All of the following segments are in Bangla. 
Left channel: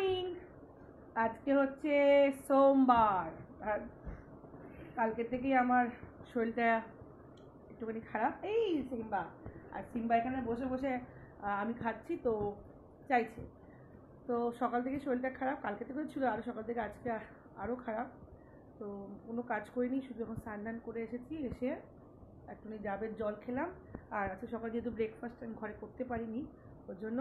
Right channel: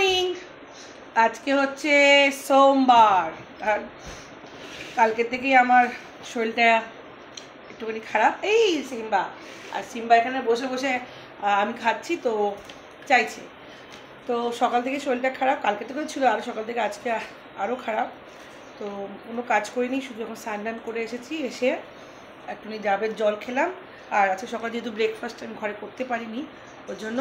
মর্নিং। আজকে হচ্ছে সোমবার আর কালকে থেকেই আমার শরীরটা একটুখানি খারাপ। এই সিম্বা আর সিম্বা এখানে বসে বসে আমি খাচ্ছি তো চাইছে। তো সকাল থেকে শরীরটা খারাপ, কালকে থেকেও ছিল, আরও সকাল থেকে আজকে আরও খারাপ। তো কোনো কাজ করিনি, শুধু এখন স্নান করে এসেছি, এসে একটুখানি ডাবের জল খেলাম। আর আজকে সকাল যেহেতু ব্রেকফাস্ট আমি ঘরে করতে পারিনি, ওর জন্য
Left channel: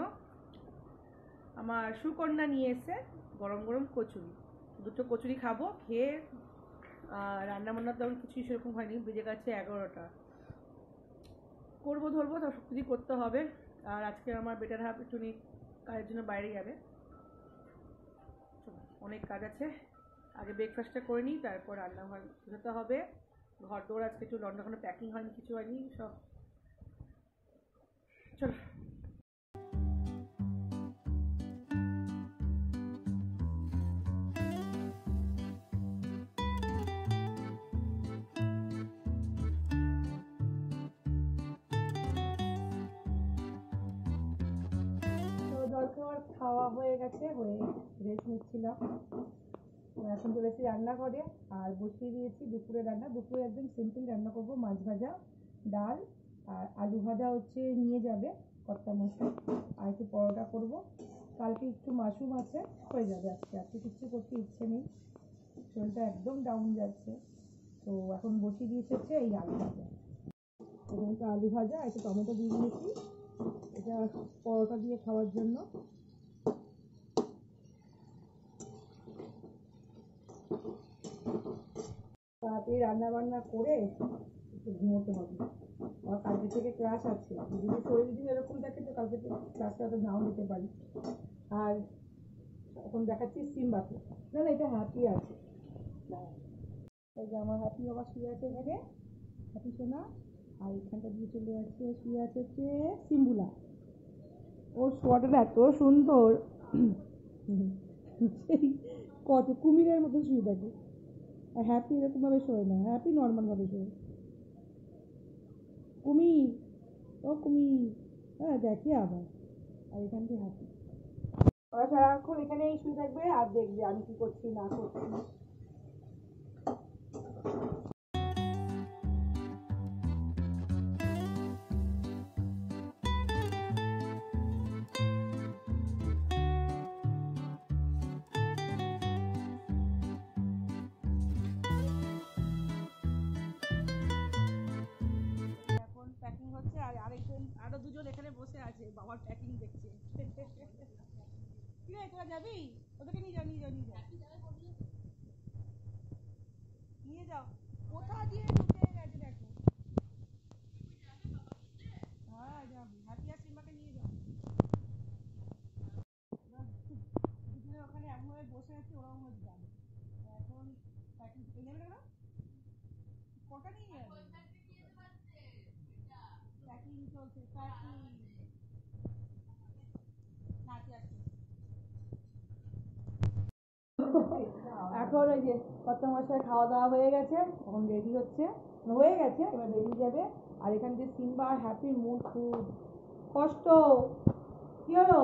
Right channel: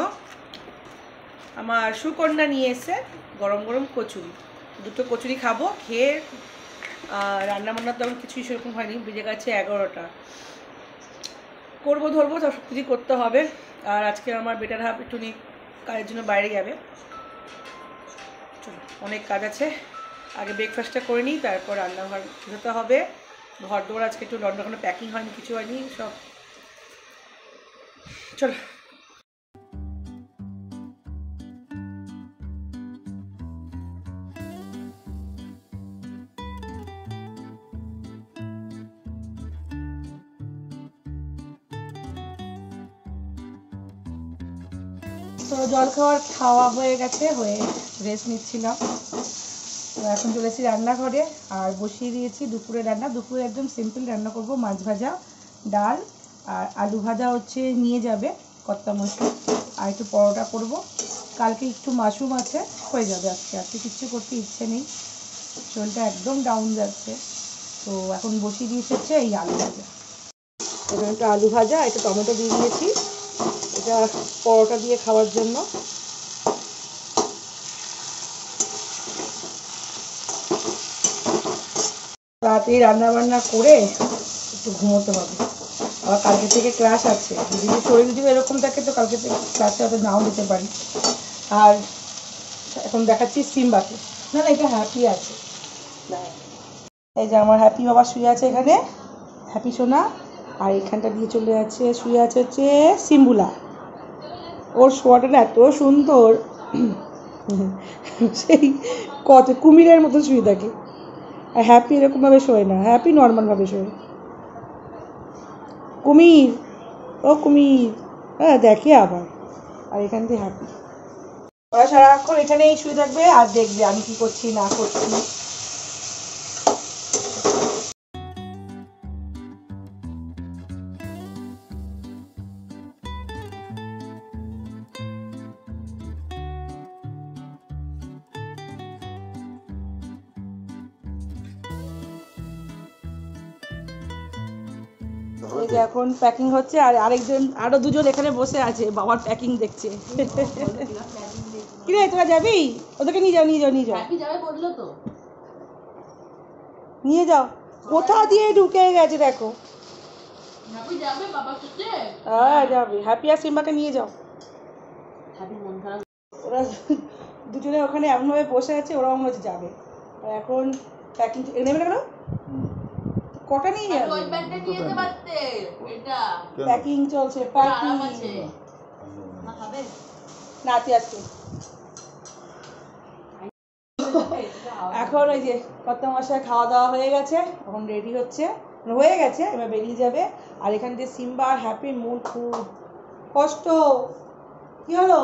আমার সুকন্যা নিয়ে এসে গরম গরম কচুরি, দুটো কচুরি খাবো। খেয়ে রান্নাবান্না তো কিছুই সেরকম হয়নি, বেজে গেছে 11টা। করবো ধরবো সব কিছু করতে হবে। আর আজকে আমার বেটার হাফ একটুখানি কাজের জন্য বাইরে যাবে। চলো, অনেক কাজ আছে, আগে ব্রেকফাস্টটা করে নিই, তারপর রান্নাঘর যেতে হবে। ঘর দৌড় আজকে একটু লন্ডন প্যাকিং হয়নি, কিছু হয়নি সব। চলো। তো জলখাবার খাওয়া হয়ে গেছে, হয়ে রেস্ট নিচ্ছিলাম। তো এখন চলে এসেছি রান্নাঘরে আর বসিয়ে দিয়েছি দুপুরে রান্না। দুপুরে একদম সিম্পল রান্না করব, মাছ ভাজা, ডাল আর আলু ভাজা হচ্ছে নিয়ে যাবে কর্তা মশাই, আর একটু পরোটা করব। কালকে একটু মাশরুম আছে, হয়ে যাবে। আজকে কিচ্ছু করতে ইচ্ছে নেই, শরীরটা একদম ডাউন যাচ্ছে। তো এখন বসিয়ে দিয়েছে হচ্ছে এই আলু ভাজা। এখানে একটু আলু ভাজা, একটু টমেটো দিয়ে দিয়েছি, এটা পরোটা দিয়ে খাওয়ার জন্য। রাতে রান্নাবান্না করে একটু ঘুমোতে হবে, আবার কালকে থেকে ক্লাস আছে। যদি শরীর যদি এরকম থাকে তো কালকে থেকে ক্লাসে হয়তো নাও দিতে পারি। আর এখন দেখাচ্ছি সিম্বাকে, না না এটা হ্যাপি আছে, এই যে আমার হ্যাপি বাবা শুয়ে আছে এখানে, হ্যাপি সোনা। আর এখানটা দিয়ে চলে যাচ্ছে, শুয়ে আছে হচ্ছে সিম্বুলা। ওর শোয়াটা না এত সুন্দর, সেই কত কুমিরের মতো শুয়ে থাকে। আর হ্যাপি এরকমভাবে শোয় না, হ্যাপি নর্মালভাবে শোয়। কুমির, ও কুমির, হ্যাঁ দেখে আবার। আর এখান থেকে হ্যাপি, ওরা সারাক্ষণ এখানেই শুয়ে থাকবে আর দেখবে আমি কি করছি না করছি। এই যে এখন প্যাকিং হচ্ছে, আর আরেকজন আরো দুজন এখানে বসে আছে, বাবার প্যাকিং দেখছে। কি রে তোরা যাবি? ওদেরকে নিয়ে যাও নিয়ে যাও নিয়ে যাও, নিয়ে যাও। কোথা দিয়ে ঢুকে গেছে দেখো। হ্যাঁ যাবে, হ্যাপি আর সিম্বাকে নিয়ে যাও। ওরা দুজনে ওখানে এমনভাবে বসে আছে, ওরাও মনে হচ্ছে যাবে। আর এখন প্যাকিং নেবে না কেন? কটা নিয়ে যাবে? প্যাকিং চলছে, প্যাকিং নাচে আসছে। এখন ওই যে কত মশাই খাওয়া দাওয়া হয়ে গেছে, এখন রেডি হচ্ছে, হয়ে গেছে, এবার বেরিয়ে যাবে। আর এখান থেকে সিম্বা আর হ্যাপির মন খুব কষ্ট। কি হলো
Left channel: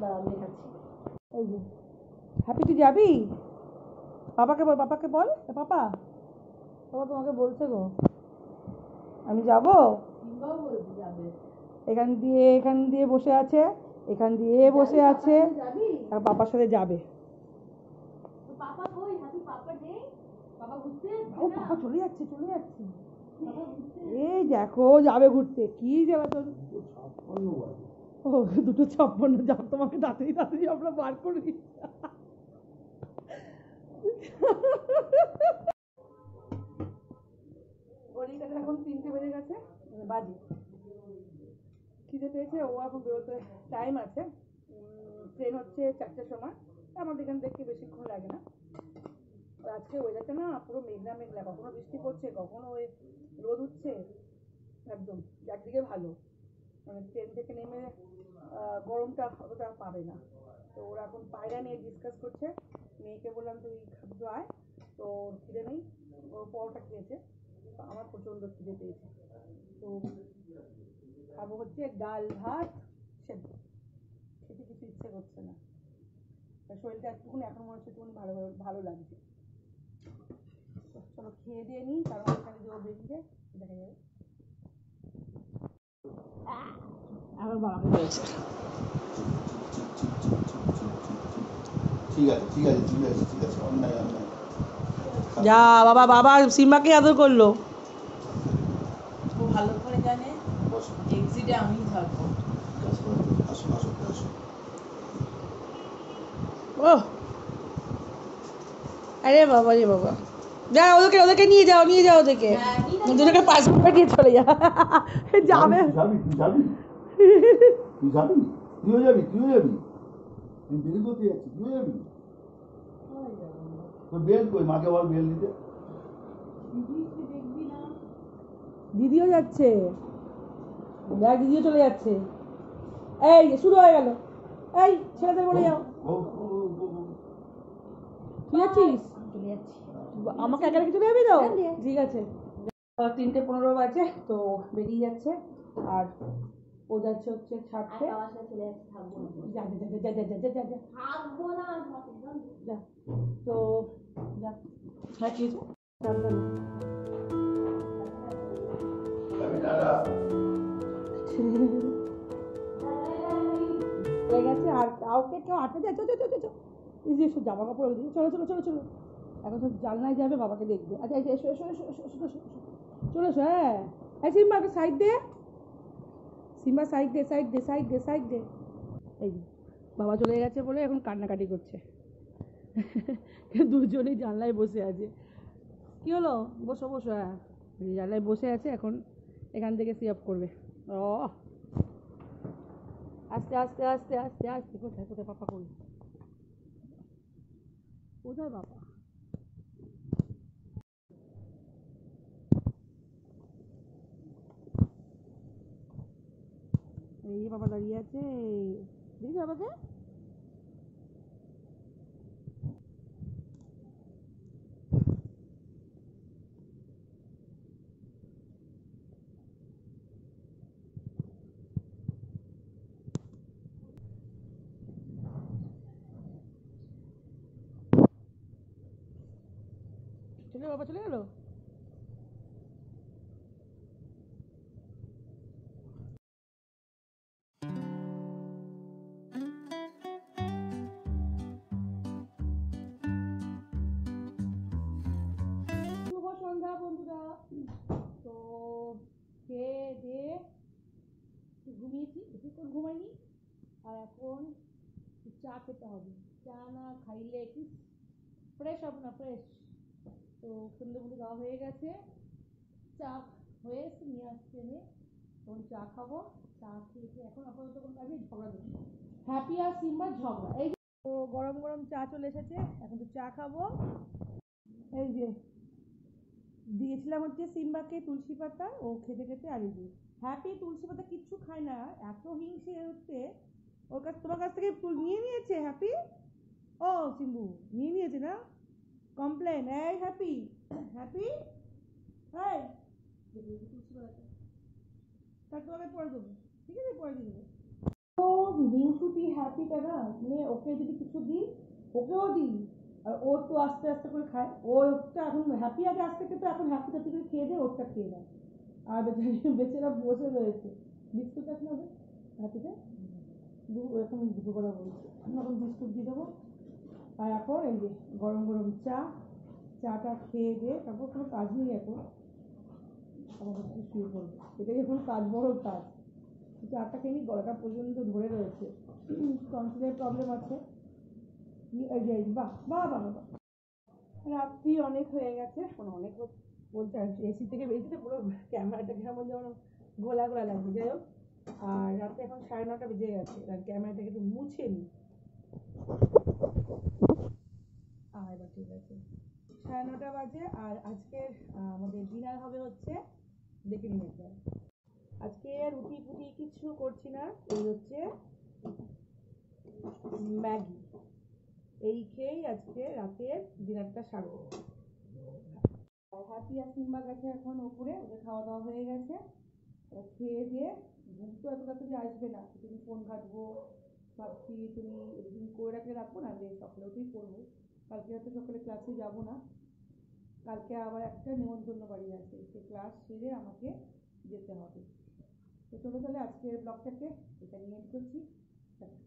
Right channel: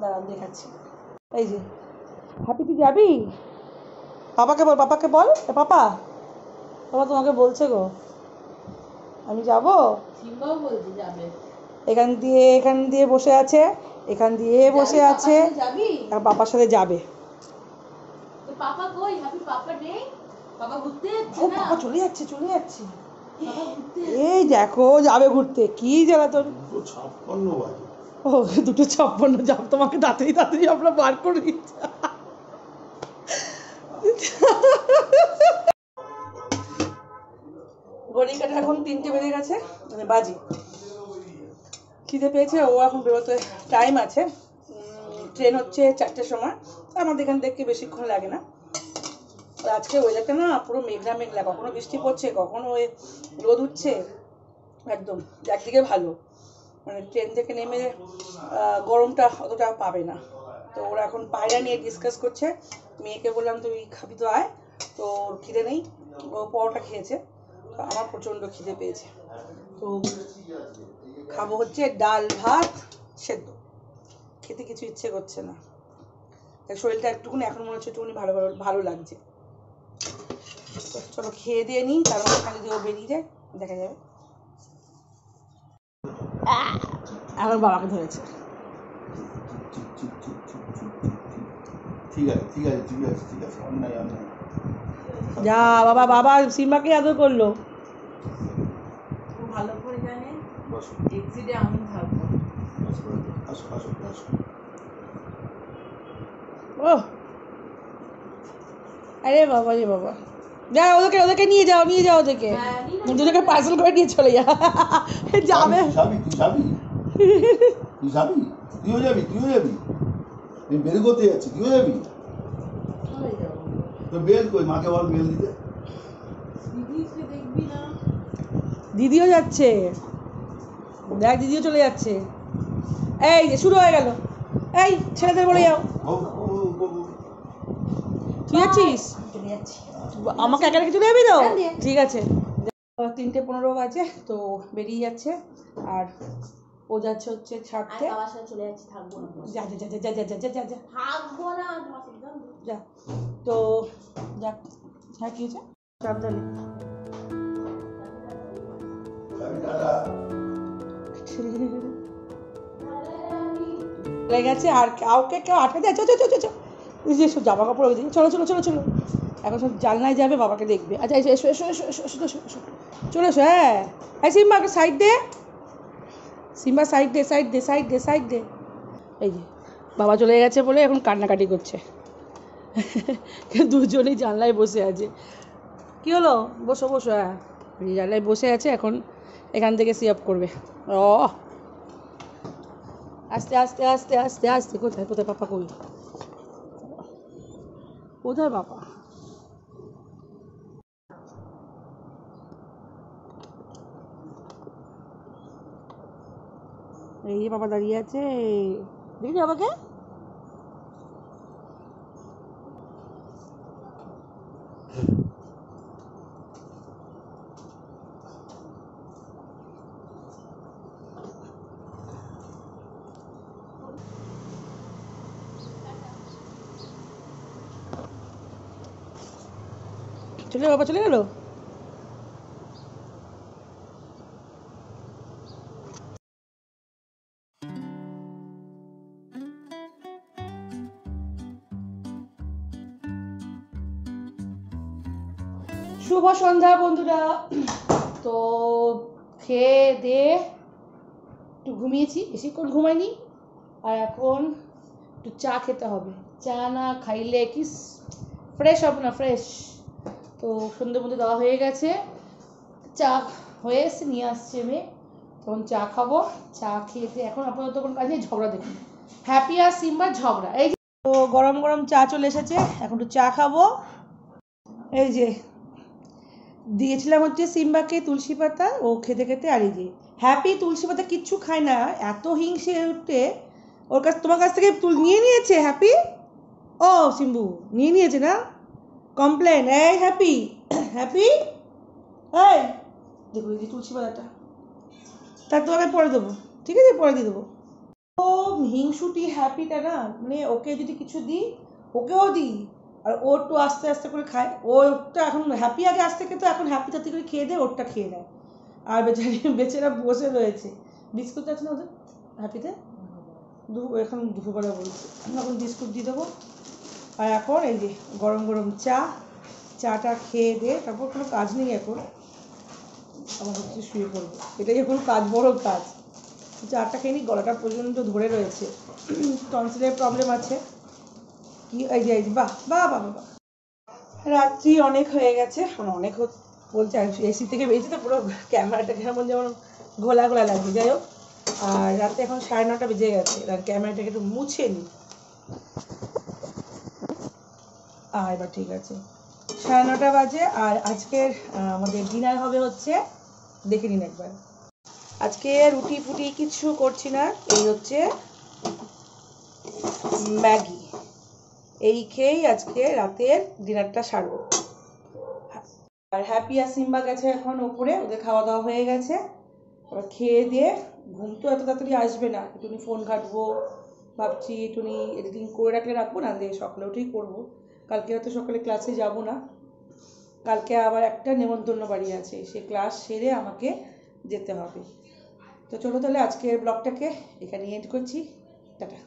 দাঁড়ান দেখাচ্ছি। এই যে হ্যাপি তুই যাবি? পাপাকে বল, পাপাকে বল, পাপা বাবা তোমাকে বলছে গো আমি যাব। এখান দিয়ে বসে আছে, এখান দিয়ে বসে আছে, আর পাপার সাথে যাবে। ও পাপা চলে যাচ্ছে চলে যাচ্ছে, এই দেখো যাবে ঘুরতে। কি জ্বালা তোর, ও 2:56 যাব, তোমাকে তাড়াতাড়ি তাড়াতাড়ি আমরা বার করে দিচ্ছি। ঘড়ি কাটা এখন 3টে বেজে গেছে, মানে বাজি। খিদে পেয়েছে, ও এখন বেরোতে টাইম আছে। ট্রেন হচ্ছে 4টের সময়, আমাদের এখান থেকে বেশিক্ষণ লাগে না। আর আজকে ওয়েদারটা না পুরো মেঘলা মেঘলা, কখনো বৃষ্টি পড়ছে কখনো রোদ উঠছে, একদম একদিকে ভালো, মানে ট্রেন থেকে নেমে গরমটা অতটা পাবে না। তো ওরা এখন পায়রা নিয়ে ডিসকাস করছে। মেয়েকে বললাম তুই খাবি তো আয়, তো ওর খিদে নেই, ও পরোটা খেয়েছে। তো আমার প্রচণ্ড খিদে পেয়েছে, তো খাবো হচ্ছে ডাল ভাত সেদ্ধ, খেতে কিছু ইচ্ছে করছে না। তাই শরীরটা একটুকুনি এখন মনে হচ্ছে একটুকুনি ভালো ভালো ভালো লাগছে। চলো খেয়ে দিয়ে নিই, তার মধ্যে যদি ও বেরিয়ে যায় দেখা যাবে। এখন বাবাকে ধরেছে। ঠিক আছে ঠিক আছে ঠিক আছে ঠিক আছে, অন্যায় অন্যায়। যা বাবা, বাবা সিম্বাকে আদর করলো। ভালো করে জানে বসো এক্সিটে আমি থাকবো। আসো আসো আসো। ও আরে বাবা রে বাবা, যা ওদেরকে ওদেরকে নিয়ে যাও, নিয়ে যাও ওদেরকে, দুজনকে পার্সেল করে নিয়ে চলে যা। যাবে তুই যাবি তুই যাবি তুই যাবি তুইও যাবি তুইও যাবি, তুই বের করতে যাচ্ছি তুইও যাবি। চলে যাবো। তো বেল কই, মাকে বল বেল দিতে। দিদিকে দেখবি না? দিদিও যাচ্ছে, দেখ দিদিও চলে যাচ্ছে। এই যে শুরু হয়ে গেল, এই ছেলেদের বলে যাও। তুই যাচ্ছিস? চলে যাচ্ছি। আমাকে একা রেখে চলে যাবি তো? ঠিক আছে। 3:15 বাজে, তো বেরিয়ে যাচ্ছে। আর ও যাচ্ছে হচ্ছে ছাড়তে। আমার সাথে চলে যাচ্ছি, থাকবো না। যা যা যা যা যা যা যা যা যা থাকবো না তোমার সাথে। যা। তো যা। হ্যাঁ কি হয়েছে? সাবধানে। চলে গেছে, আর কাউকে কেউ আটকে দেয়। চো চো চো চো, যে সব জামা কাপড় ওই দিকে, চলো চলো চলো চলো। এখন সব জানলায় যাবে, বাবাকে দেখবে। আচ্ছা এসো এসো এসো এসো এসো এসো এসো চলে এসো। হ্যাঁ এই সিম্বা সাইড দে, সিম্বা সাইড দে সাইড দে সাইড দে সাইড দে। এই যে বাবা চলে গেছে বলে এখন কান্নাকাটি করছে। দুজনেই জানলায় বসে আছে। কি হলো? বসো বসো। হ্যাঁ জানলায় বসে আছে, এখন এখান থেকে সি আপ করবে। ও আস্তে আস্তে আস্তে আস্তে আস্তে। কোথায় কোথায় পাপা? কই কোথায় বাবা? এই যে বাবা দাঁড়িয়ে আছে, দেখি বাবাকে। চলে বাবা চলে গেল। শুভ সন্ধ্যা বন্ধুরা। তো খেয়ে দিয়ে একটু ঘুমিয়েছি, বেশিক্ষণ ঘুমাইনি। আর এখন একটু চা খেতে হবে, চা না খাইলে কি ফ্রেশ হবে না, ফ্রেশ। তো সন্ধ্যে মধ্যে দেওয়া হয়ে গেছে, চা হয়ে এসে নিয়ে আসছে মেয়ে, তখন চা খাবো। চা খেতে এখন আপাতত কোনো কাজ নেই, ঝগড়া দেখুন, হ্যাপি আর সিম্বার ঝগড়া। এই যে তো গরম গরম চা চলে এসেছে, এখন একটু চা খাবো। এই যে দিয়েছিলাম হচ্ছে সিম্বাকে তুলসী পাতা, ও খেতে খেতে। আর এই যে হ্যাপি তুলসী পাতা কিচ্ছু খায় না, এত হিংসে উঠতে ওর কাছ, তোমার কাছ থেকে নিয়ে নিয়েছে হ্যাপি। ও সিম্বু নিয়ে নিয়েছে না, কমপ্লেন। এই হ্যাপি হ্যাপি এই দেখো এই যে তুলসী পাতাটা, তার তোমাকে পরে দেবো, ঠিক আছে পরে দিয়ে দেবো। ও হিংসুটি হ্যাপিটা না, মানে ওকে যদি কিছু দিই ওকেও দিই, আর ও একটু আস্তে আস্তে করে খায়। ওরটা এখন হ্যাপি আগে আস্তে খেত, এখন হ্যাপি তাতে করে খেয়ে দেয়, ওরটা খেয়ে নেয়। আর বেচারা বসে রয়েছে। বিস্কুট আছে না ওদের হ্যাপিতে? এখন দুপুরবেলা বলছে, আমি এখন বিস্কুট দিয়ে দেবো। আর এখন এই যে গরম গরম চা, চাটা খেয়ে দিয়ে তারপর কোনো কাজ নেই এখন, আমার হচ্ছে শুয়ে পড়বো। এটাই এখন কাজ, বড় কাজ। চাটা খেয়ে নিই, গলাটা পর্যন্ত ধরে রয়েছে, টনসিলের প্রবলেম আছে। কি এই যে বাহ বাহ বাহ বাহ। রাত্রি অনেক হয়ে গেছে, অনেক বলছে, এসি থেকে বেরিয়েছি তো পুরো ক্যামেরাটা কেমন যেমন ঘোলা ঘোলা লাগছে। যাই হোক, আর রাতে এখন 9:30 বেজে গেছে, আর ক্যামেরাটাকে একটু মুছে নিই। এবার ঠিক আছে, 9:30 বাজে। আর আজকের আমাদের ডিনার হবে হচ্ছে, দেখে নিন একবার। আজকে রুটি ফুটি কিছু করছি না, এই হচ্ছে ম্যাগি, এই খেয়েই আজকে রাতের ডিনারটা সারবো। আর হ্যাপি আর সিম্বা গেছে এখন ওপরে, ওদের খাওয়া দাওয়া হয়ে গেছে। এবার খেয়ে দিয়ে, ঘুম তো এত তাড়াতাড়ি আসবে না, একটুখানি ফোন ঘাটবো, ভাবছি একটুখানি এডিটিং করে রাখলে রাখবো, না দিয়ে সকালে উঠেই করবো। কালকে হয়তো সকালে ক্লাসে যাব না, কালকে আবার একটা নেমন্তন্ন বাড়ি আছে, সে ক্লাস সেরে আমাকে যেতে হবে। তো চলো তাহলে আজকের ব্লগটাকে এখানে এন্ড করছি, টাটা।